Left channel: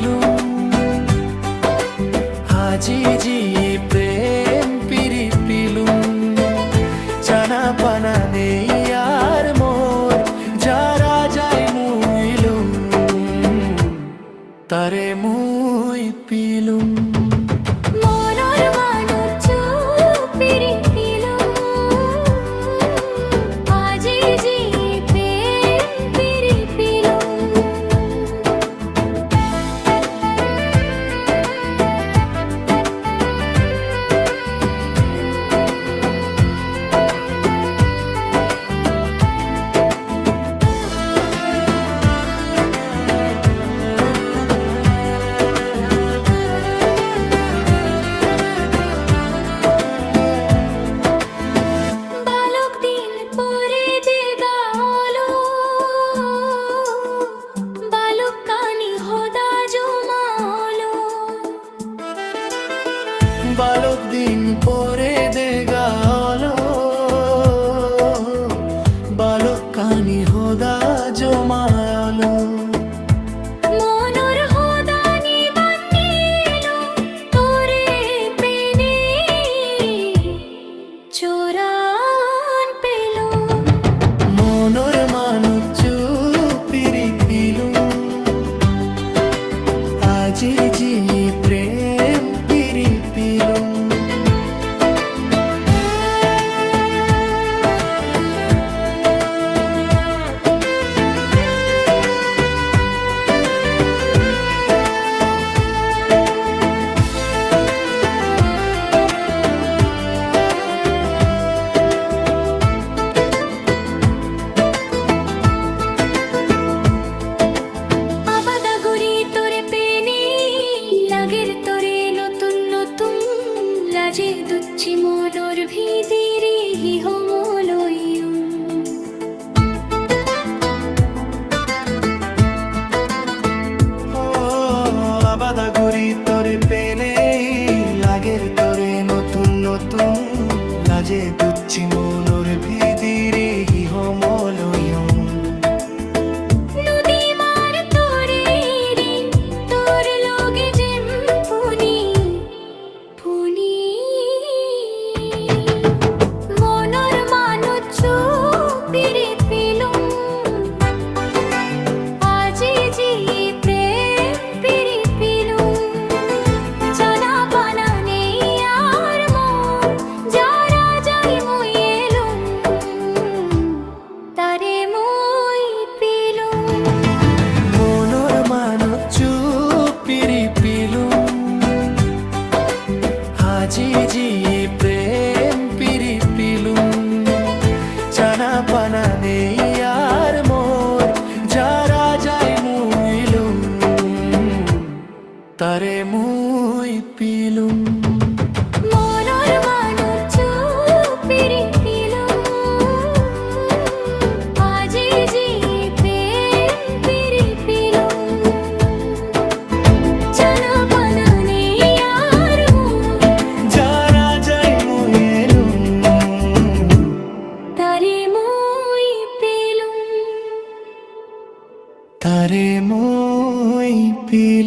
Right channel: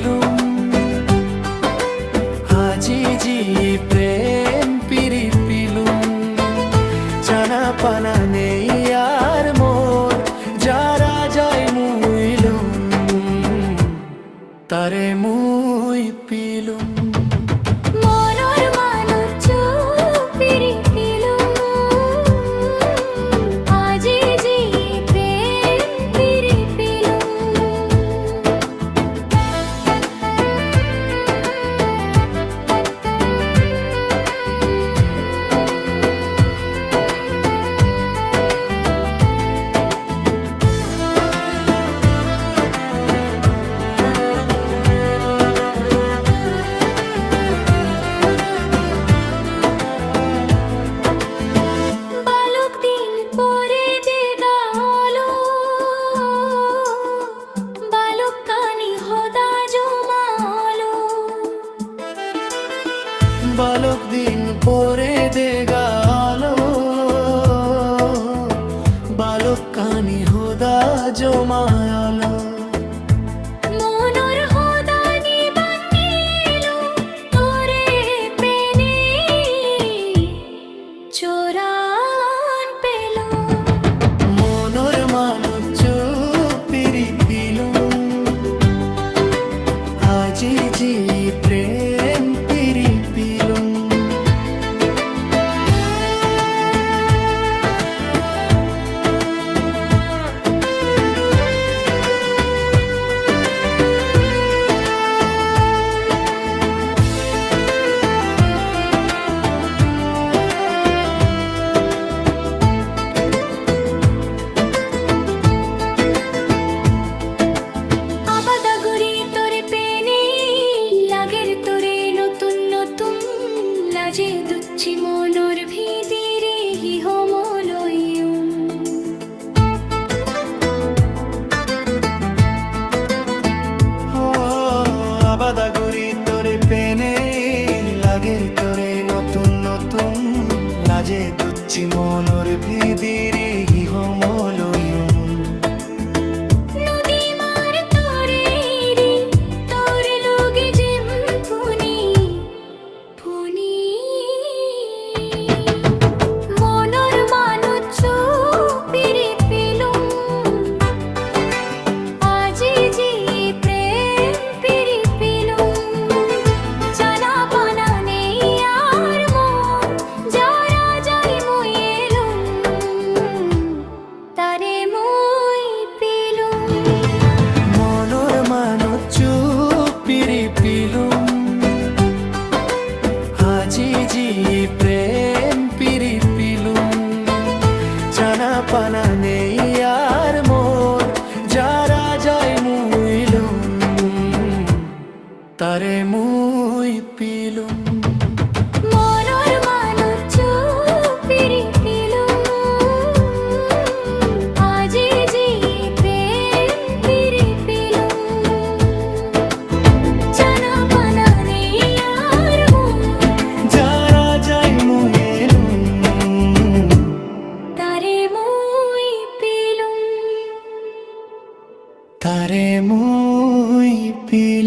পিলুম আজি জি প্রেম পিরি পিলুম জানা পানা নেই আর মোর যারা যায় মুইলুম তারে মুই পিলুম বালক দিন পরে দে গালো বালক কানি হোদা জমায়ালো মনর হোদানি বান্নিলো তোরে পেনে চোরান পেলো মনর মানুষ পিরি পিলুম আজি জি প্রেম পিরি পিলুম লাজে দুচ্ছি মনর ভিদিরে হিহমলয়ুম আবাদাগুড়ি তোরে পেনে লাগের তোরে নতুন নতুন লাজে দুচ্ছি মনর ভিদিরে হিহমলয়ুম আজি জি প্রেম পিরি পিলুম জানা পানা নেই আর মোর যারা যায় মুইলুম তারে মুই পিলুম তারে মুই পিলুম